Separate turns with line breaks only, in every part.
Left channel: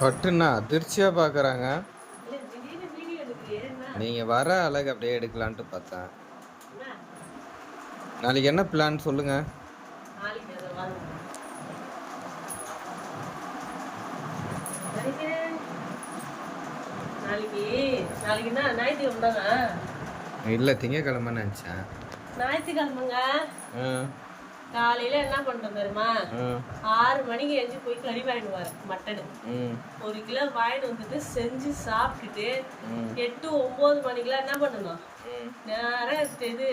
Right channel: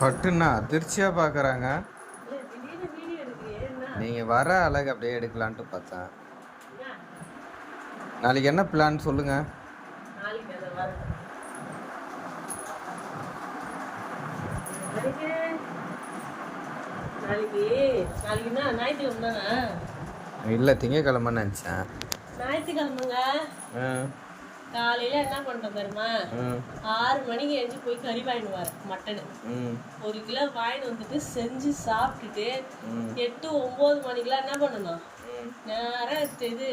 பட்டுன்னா அதிர்ச்சியாக பார்க்குறாங்க நீங்கள் வர அழகு அப்படியே எடுக்கலான்ட்டு பார்த்தேன். நாளைக்கு என்ன பிளான் சொல்லுங்கள் இல்லை திங்கக்கிழமைன்னு நினச்சேன்.
ஞாயிற்றுக்கிழமைங்க. காலையில என்ன பண்றோம் தெரியுமா? ஆறு மணிக்கு எழுந்து போய் கறி வாங்கிட்டு வரேன் மட்டனு. ஒரு கிலோ வாங்கிட்டு வந்துட்டு செஞ்சு சாப்பிட்டுட்டு எட்டு ஒன்பது மணிக்கெல்லாம் என்ன பண்ணணும்?
ம்
நேரா இது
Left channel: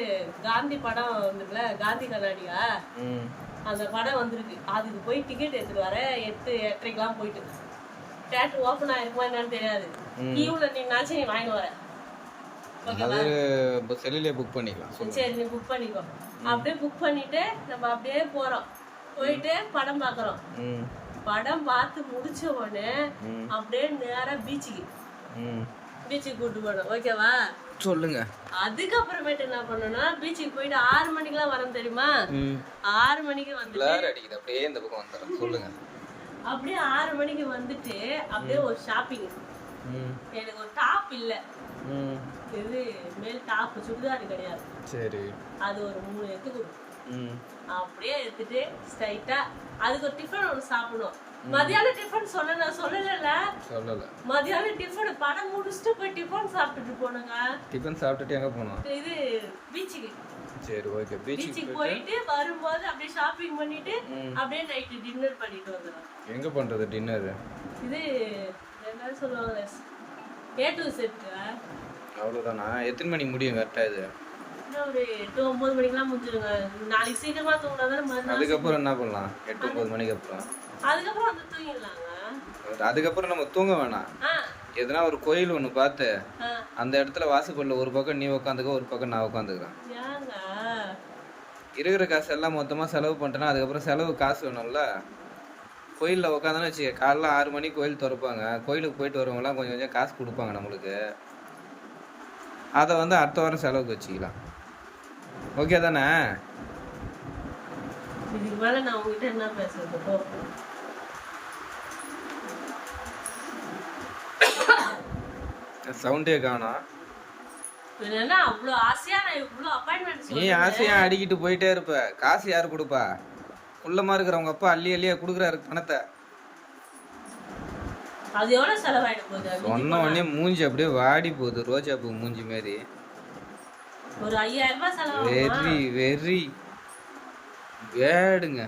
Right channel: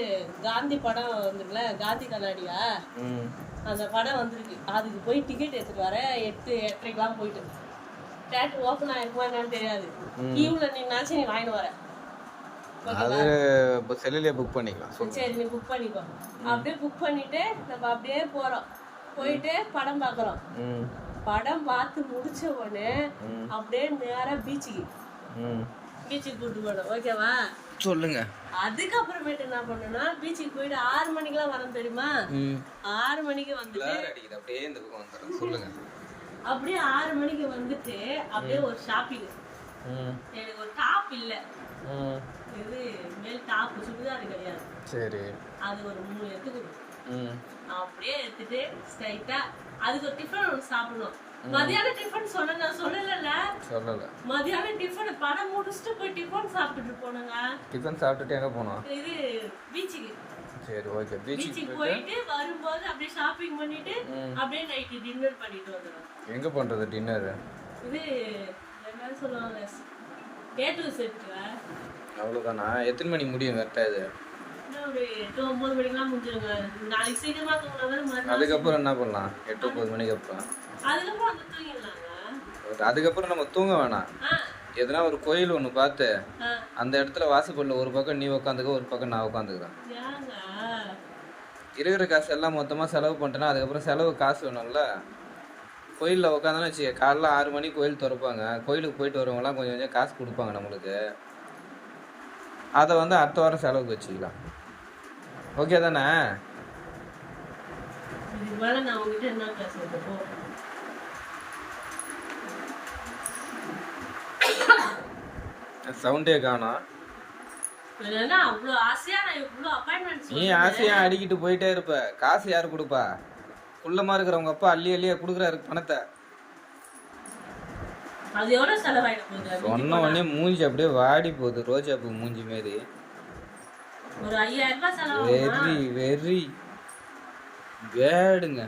காந்தி படம் வந்துருக்குல காந்தி கண்ணாடியா? அந்த படம் வந்திருக்கு. அதுக்கு போய் டிக்கெட் எடுத்துட்டு வர எட்டு எட்டரைக்கெல்லாம் போயிட்டு தேட்டர் ஓப்பன் ஆயிருக்குமா என்னன்னு தெரியாது. கியூல நின்னாச்சும் நீ வாங்கிட்டு வர.
அது செல்லுலேயே புக் பண்ணிக்கலாம்
சரி நீ புக் பண்ணிக்கோ அப்படியே புக் பண்ணிட்டு நம்ம அப்படியே போறோம். போயிட்டு படம் பார்க்கறோம்.
ம்.
படம் பார்த்து முடிச்ச உடனே. அப்படியே நேரா பீச்சுக்கு பீச்சுக்கு கூட்டு போனோம். ஓகேவா
சொல்லுங்கள்
அதுக்கப்புறமேட்டு என்ன பண்ணோம்னா பீச்சுக்கு போயிட்டு ஆறு மணிக்கெல்லாம் வரோம் தெரியுமா? ஆறு மணிக்கு வந்துட்டு
அப்படியே இந்த பக்கம் வந்துடுறேன் சொல்லுங்கள்
அப்படியே ஆறு மணிக்கு வந்துட்டு அப்படியே ஒரு ஷாப்பிங் எனக்கு ஒரு டாப் இல்ல.
ம்.
இது மேல் டாப் சுடிதார் கிடையாது.
சரி.
அது ஒரு மூணு எடுத்து கொடு.
ம்.
அப்படியே எடுத்துட்டு ஸ்ட்ரைட்டா அதுக்கு ஒரு டிஃபன் ஒன்று சாப்பிடணும். மதியானம் டிஃபன் நான் சொல்லல
சொல்லலை.
மதியானம் டிஃபன் படம் முடிச்சுட்டு போய் டிஃபன் சாப்பிட்டுட்டு போனுங்க
டிஃபன் சாப்பிட்டுட்டு எங்கே போனோம்
இது பீச்சுக்கு
சரி ஓகே பீச்சுக்கு
போயிட்டு வரும்போது அப்படியே ஷாப்பிங் பண்ணிட்டு அப்படியே நைட்டு டின்னர் பண்ணிட்டு வந்துடும்
எங்கே பண்ணுறது டின்னரு
இது என்ன சொல்லுவாங்க ஏ டு செட்
அவ்வளோதானா எத்தனை மணிக்கு முடியும் கரெக்டாக இது?
ஒரு எட்டு ஒன்பது மணிக்கெல்லாம் முடிஞ்சிருங்க நாளைக்கு சீக்கிரமா தூங்கினாதான் மறுநாள்
அதுக்கப்புறம் என்ன பண்ணலாம்? எட்டு ஒம்பது மணிக்கு அப்புறம்.
அதுக்கப்புறம் வந்து தூங்கிடலாங்க.
அதுக்கப்புறம் நம்ம தூங்க வேணாம். எதுனா ஒரு கோயில் ஒன்று பார்த்து அந்த இடத்துல வாசப்படில் ஒரு பக்கம் நீ உட்காந்துக்க ஒரு பக்கம் நான் உட்காந்துக்கிறேன் இருக்கிற காசு எல்லாம் மொத்தமாக செலவு பண்ணிட்டேன்னா அதுக்கப்புறம் செலவு காசு வேணும்ல? கோயிலில் உட்காந்தானு வச்சுக்க காலைல ஆறு மணிக்கு கோயில் திறப்பாங்க. கோயிலுக்கு போயிட்டு வரவங்கலாம் கொஞ்சம் கொஞ்சம் காசு கொடுப்பாங்க நம்மளுக்கு. அதை வந்து அடுத்த வாரம் செலவுக்கு வச்சுக்கலாம். ஓகே தானே? சவுண்டே காணோம்.
ஆசையா
நீ ஆசையாக அடிக்கிட்டு போயிட்டே இருப்ப. காசு யார் கொடுப்பா? குள்ளமாக இருக்கிறவங்க அப்பா அள்ளி அள்ளியா கொடுக்குறாரு பணத்தை.
அது எவ்வளவு செலவாயிட போகுது?
சொன்ன உடனே மூஞ்சி அப்படியே வாடி போகுது ரோஜா பூ மூஞ்சி மாரி
ஒரு ஐயாயிரம் ரூபாய்
வெரி வெரி வேடுங்க.